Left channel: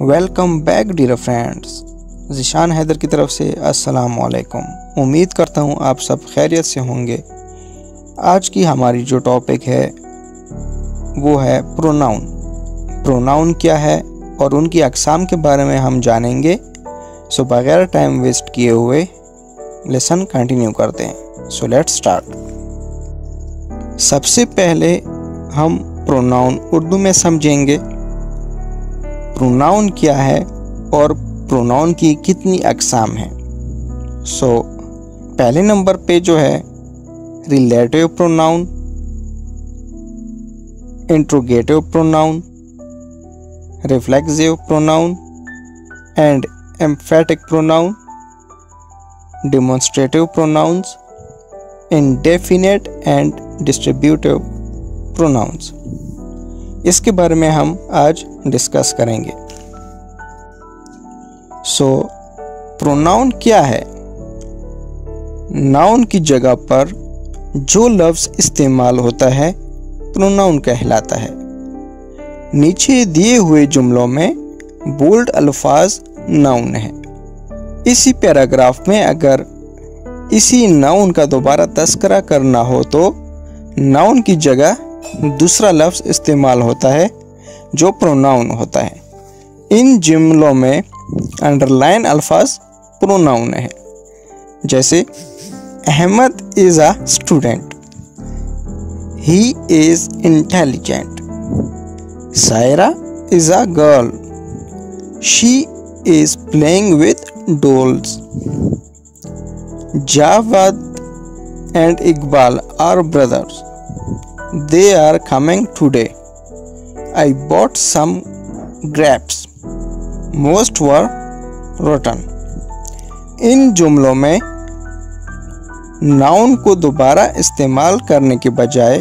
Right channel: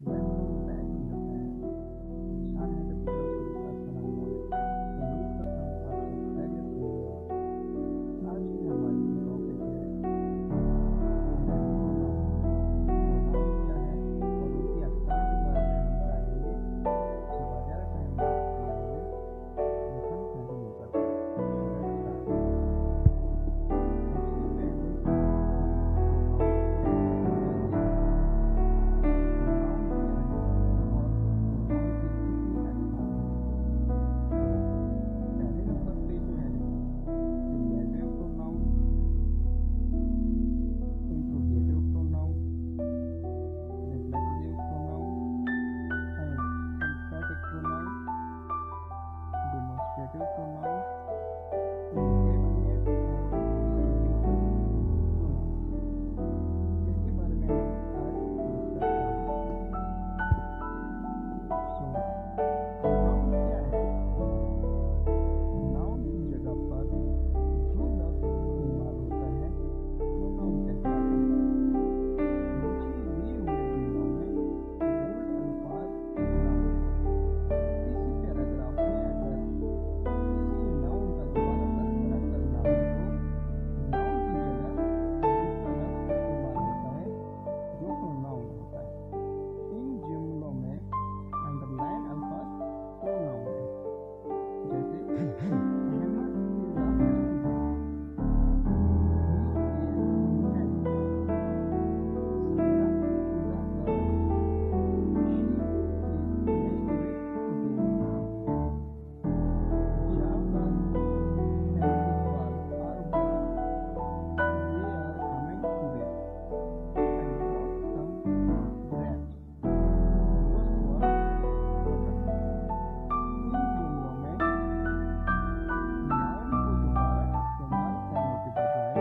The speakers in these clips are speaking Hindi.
Welcome back dear friends. Zeeshan Haider की तरफ से अस्सलाम वालेकुम। उम्मीद करता हूँ आप सब खैरियत से होंगे। आज की हमारी जो टॉपिक है वो है प्रोनाउन। प्रोनाउन क्या है और उनकी अक़साम के बारे में हम जानेंगे। सो बगैर टाइम वेस्ट किए हुए लेसन कंटिन्यू करते हैं। So let's start. सबसे पहले हम प्रोनाउन उर्दू में समझेंगे। प्रोनाउन क्या है और प्रोनाउन की कितनी अक़साम हैं। सो पहले नंबर पे जो है relative pronoun, interrogative pronoun, reflexive pronoun and emphatic pronoun, demonstrative pronouns, indefinite and distributive pronouns. इसके बारे में हम आज डिस्कस करेंगे। सो प्रोनाउन क्या है? नाउन की जगह पर जो लफ्ज़ इस्तेमाल होता है प्रोनाउन कहलाता है। नीचे दिए हुए जुमलों में बोल्ड अल्फाज नाउन है। इसी पैराग्राफ में अगर इसी नाउन का दोबारा तस्करा करना हो तो नाउन की जगह दूसरा लफ्ज़ इस्तेमाल होता है जो प्रोनाउन होता है। इन जुमलों में अंडरलाइन अल्फाज प्रोनाउन है। जैसे Ahmed is a student, he is intelligent, Saira is a girl, she is playing with dolls, Javed and Iqbal are brothers. They are coming today. I bought some grapes. Most were rotten. इन जुमलों में नाउन को दोबारा इस्तेमाल करने के बजाय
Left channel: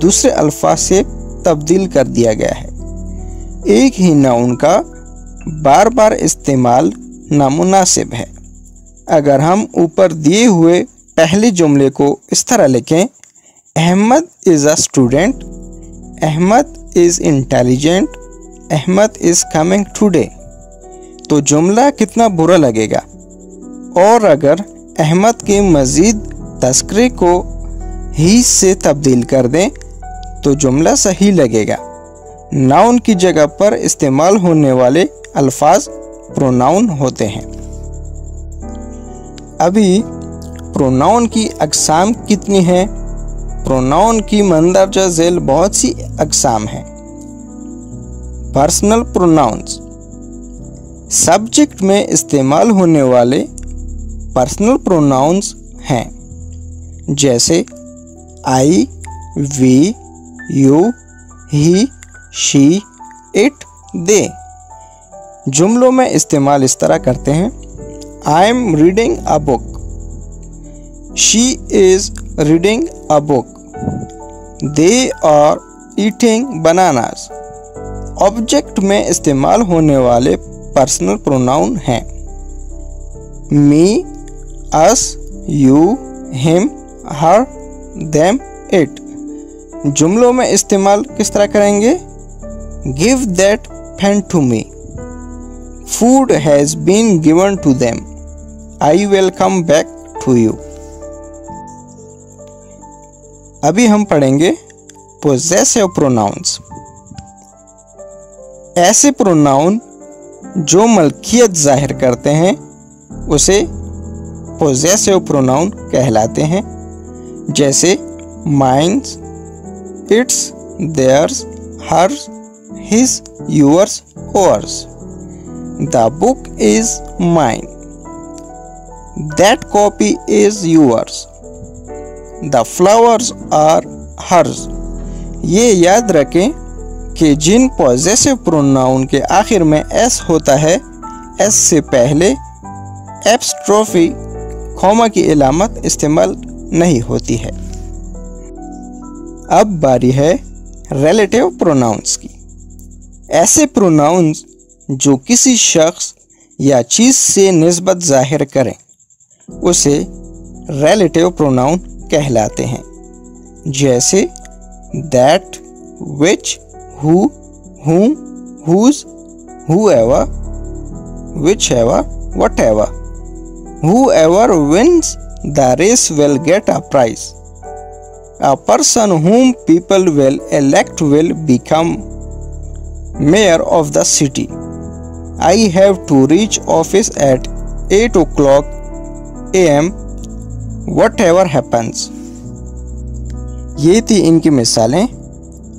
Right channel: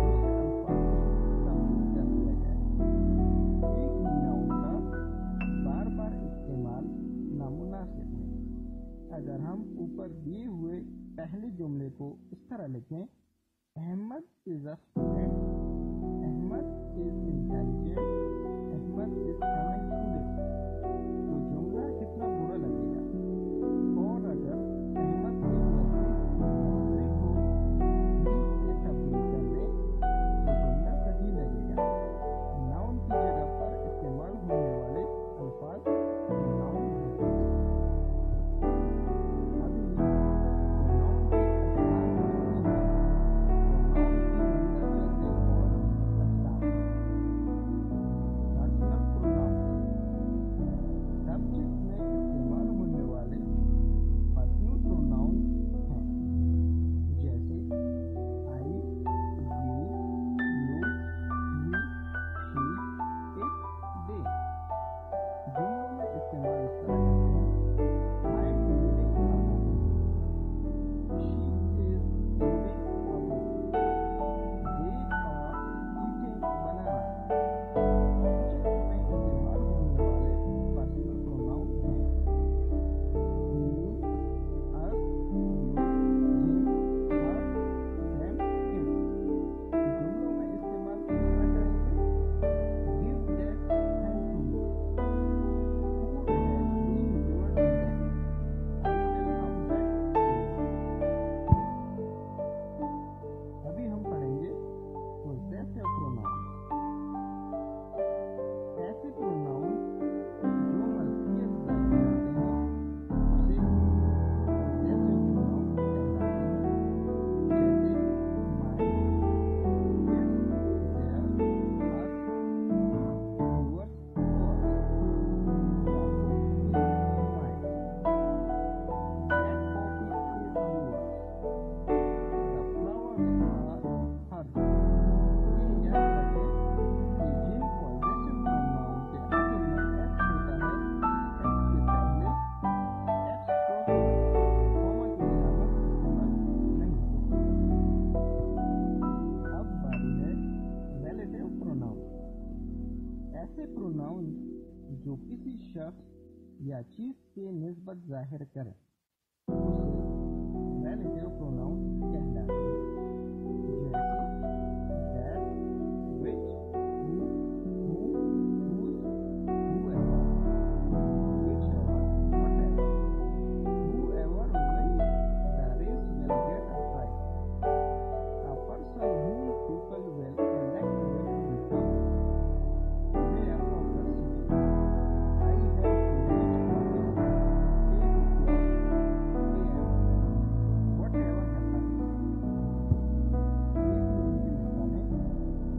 दूसरे अल्फाज से तब्दील कर दिया गया है। एक ही नाउन का बार बार इस्तेमाल नामुनासिब है। अगर हम ऊपर दिए हुए पहले जुमले को इस तरह लिखें, Ahmed is a student, Ahmed is intelligent, Ahmed is coming today, तो जुमला कितना बुरा लगेगा। और अगर अहमद के मज़ीद तस्करे को ही से तब्दील कर दें तो जुमला सही लगेगा। नाउन की जगह पर इस्तेमाल होने वाले अल्फाज प्रोनाउन होते हैं। अभी प्रोनाउन की अक़साम कितनी है? प्रोनाउन की मंदरजा झेल बहुत सी अक़साम हैं। पर्सनल प्रोनाउंस, सब्जेक्ट में इस्तेमाल होने वाले पर्सनल प्रोनाउंस हैं। जैसे I, we, you, he, she, it, they. जुमलों में इस्तेमाल इस तरह करते हैं, I am reading a book, She is reading a book. They are eating bananas. Object में इस्तेमाल होने वाले पर्सनल प्रोनाउन हैं me, us, you, him, her, them, it। जुमलों में इस्तेमाल किस तरह करेंगे? Give that pen to me. Food has been given to them. I will come back to you। अभी हम पढ़ेंगे पोजेसिव प्रोनाउंस। ऐसे प्रोनाउन जो मलकियत जाहिर करते हैं उसे पोजेसिव प्रोनाउन कहलाते हैं। जैसे mines, its, theirs, hers, his, yours, ours. The book is mine, that copy is yours, the flowers are hers. ये याद रखें कि जिन पॉजेसिव प्रोनाउन के आखिर में एस होता है, एस से पहले एप्स्ट्रोफी कॉमा की इलामत इस्तेमाल नहीं होती है। अब बारी है रिलेटिव प्रोनाउंस की। ऐसे प्रोनाउंस जो किसी शख्स या चीज़ से निस्बत जाहिर करें उसे रिलेटिव प्रोनाउन कहलाते हैं। जैसे that, which, who, whom, whose, whoever, whichever, whatever. Whoever wins the race will get a prize. A person whom people will elect will become mayor of the city. I have to reach office at 8 o'clock a.m. whatever happens. ये थी इनकी मिसालें।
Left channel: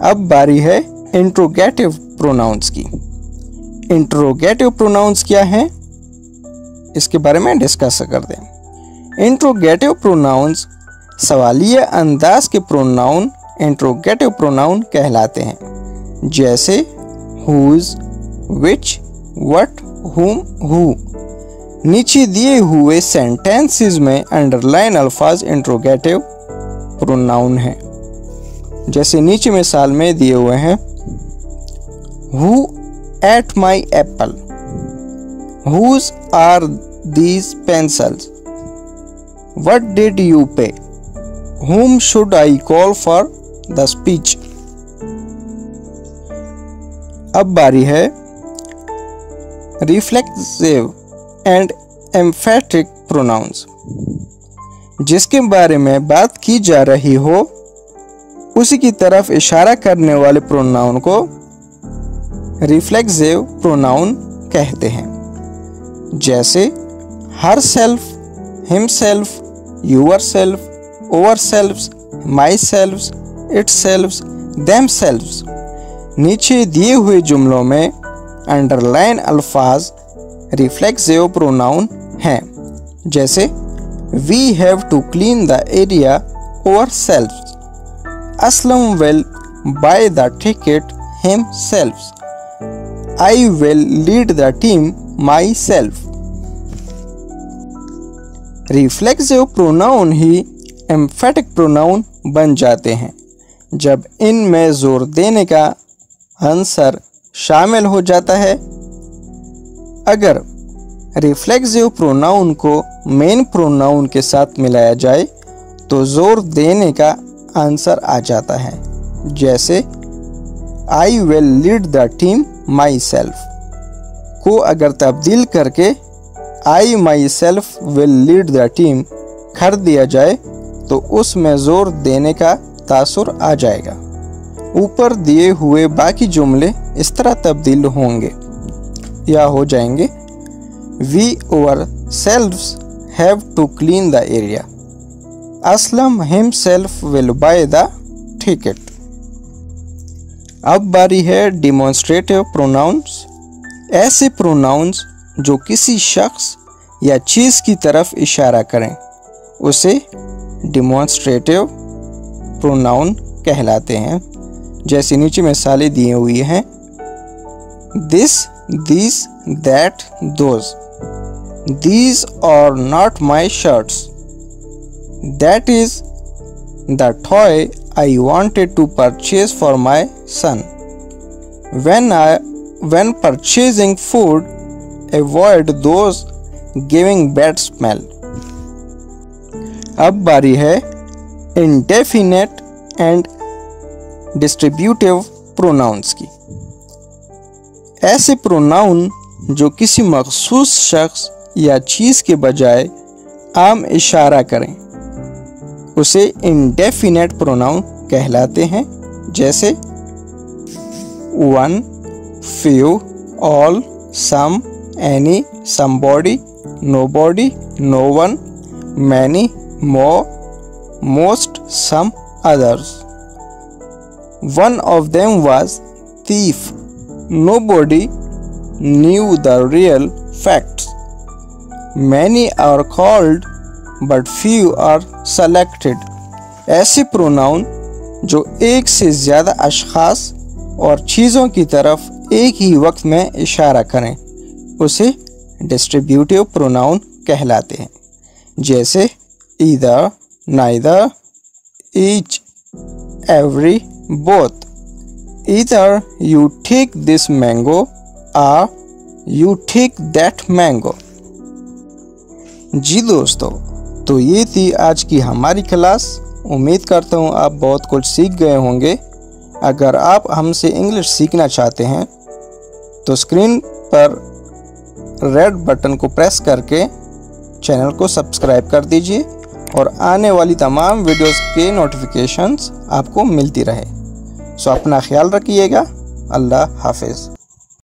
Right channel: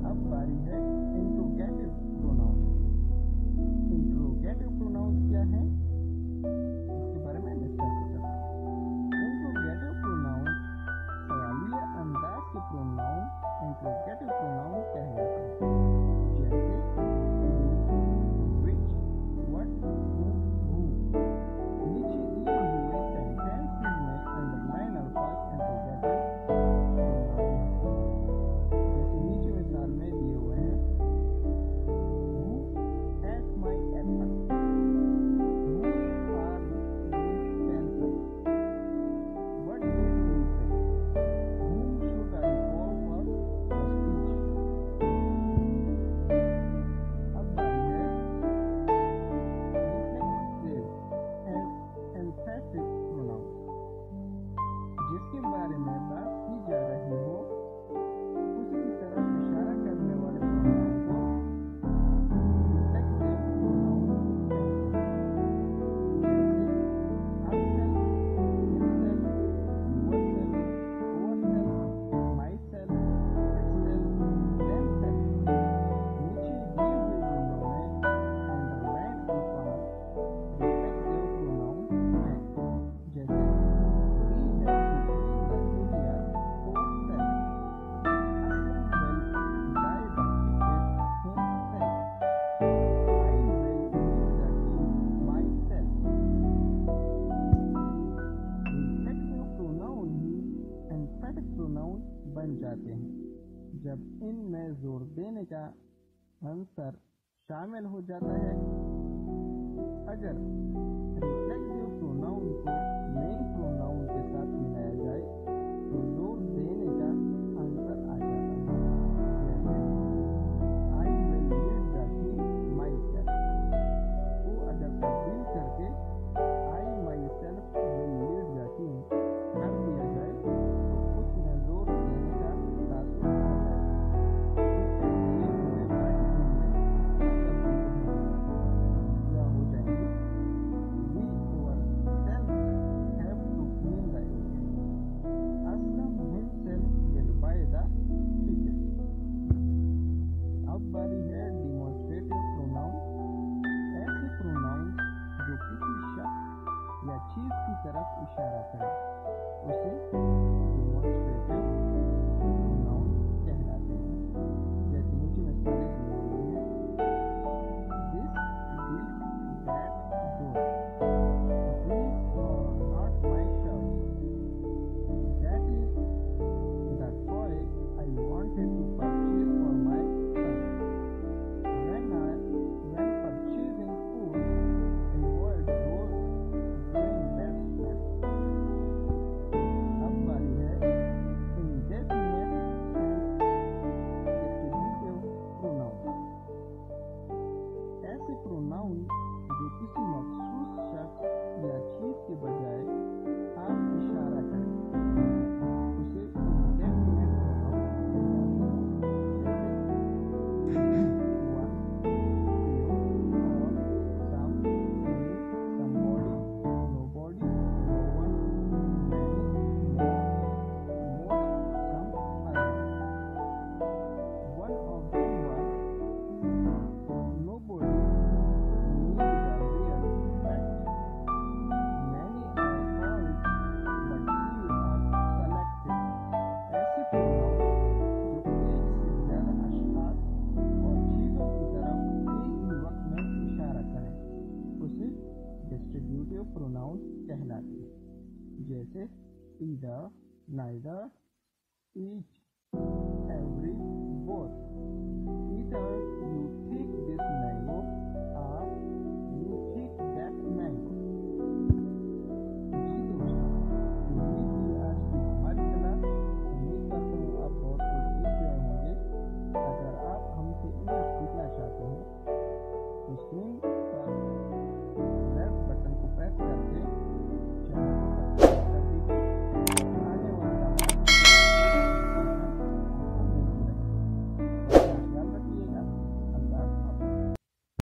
अब बारी है इंट्रोगेटिव प्रोनाउंस की। इंट्रोगेटिव प्रोनाउंस क्या है, इसके बारे में डिस्कस कर दें। इंट्रोगेटिव प्रोनाउंस सवालिया अंदाज के प्रोनाउन इंट्रोगेटिव प्रोनाउन कहलाते हैं, जैसे whose, which, what, whom, who। नीचे दिए हुए सेंटेंसेस में अंडरलाइन अल्फाज इंट्रोगेटिव प्रोनाउन है। जैसे नीचे मिसाल में दिए हुए हैं, Who ate my apple? Whose are these pencils? What did you pay? Whom should I call for the speech? अब बारी है रिफ्लेक्सिव एंड एम्फेटिक प्रोनाउंस। जिसके बारे में बात की जा रही हो उसी की तरफ इशारा करने वाले प्रोनाउन को रिफ्लेक्सिव प्रोनाउन कहते हैं, जैसे herself, himself, yourself, ourselves, myselves, itselves, themselves. नीचे दिए हुए जुमलों में अंडरलाइन अल्फाज रिफ्लेक्सिव प्रोनाउन हैं, जैसे we have to clean the area ourselves. Aslam will buy the ticket himself. I will lead the team myself. Reflexive pronoun ही एम्फेटिक प्रोनाउन बन जाते हैं जब इनमें जोर देने का आंसर शामिल हो जाता है। अगर रिफ्लेक्सिव प्रोनाउन को मेन प्रोनाउन के साथ मिलाया जाए तो जोर देने का आंसर आ जाता है, जैसे I will lead the team myself को अगर तब्दील करके I myself will lead the team कर दिया जाए तो उसमें जोर देने का तासुर आ जाएगा। ऊपर दिए हुए बाकी जुमले इस तरह तब्दील होंगे या हो जाएंगे, we ourselves have to clean the area. Aslam himself will buy the ticket. अब बारी है डिमॉन्स्ट्रेटिव प्रोनाउंस। ऐसे प्रोनाउंस जो किसी शख्स या चीज़ की तरफ इशारा करें उसे डिमॉन्स्ट्रेटिव प्रोनाउन कहलाते हैं। जैसे नीचे मिसालें दी हुई हैं, this, this, that, those. These are not my shirts. That is the toy I wanted to purchase for my son. When purchasing food, avoid those giving bad smell. अब बारी है indefinite and distributive pronouns की। ऐसे प्रोनाउन जो किसी मखसूस शख्स या चीज़ के बजाय आम इशारा करें उसे इंडेफिनेट प्रोनाउन कहलाते हैं, जैसे one, few, all, some, any, somebody, nobody, no one, many, more, most, some, others. One of them was thief. Nobody knew the real facts. Many are called but few are selected. ऐसे प्रोनाउन जो एक से ज़्यादा अशख़ास और चीज़ों की तरफ एक ही वक्त में इशारा करें उसे डिस्ट्रीब्यूटिव प्रोनाउन कहलाते हैं, जैसे either, neither, each, every, both. Either you take this mango or you take that mango। जी दोस्तों, तो ये थी आज की हमारी क्लास। उम्मीद करता हूँ आप बहुत कुछ सीख गए होंगे। अगर आप हमसे इंग्लिश सीखना चाहते हैं तो स्क्रीन पर रेड बटन को प्रेस करके चैनल को सब्सक्राइब कर दीजिए और आने वाली तमाम वीडियोस के नोटिफिकेशंस आपको मिलती रहे। सो अपना ख्याल रखिएगा। अल्लाह हाफिज़।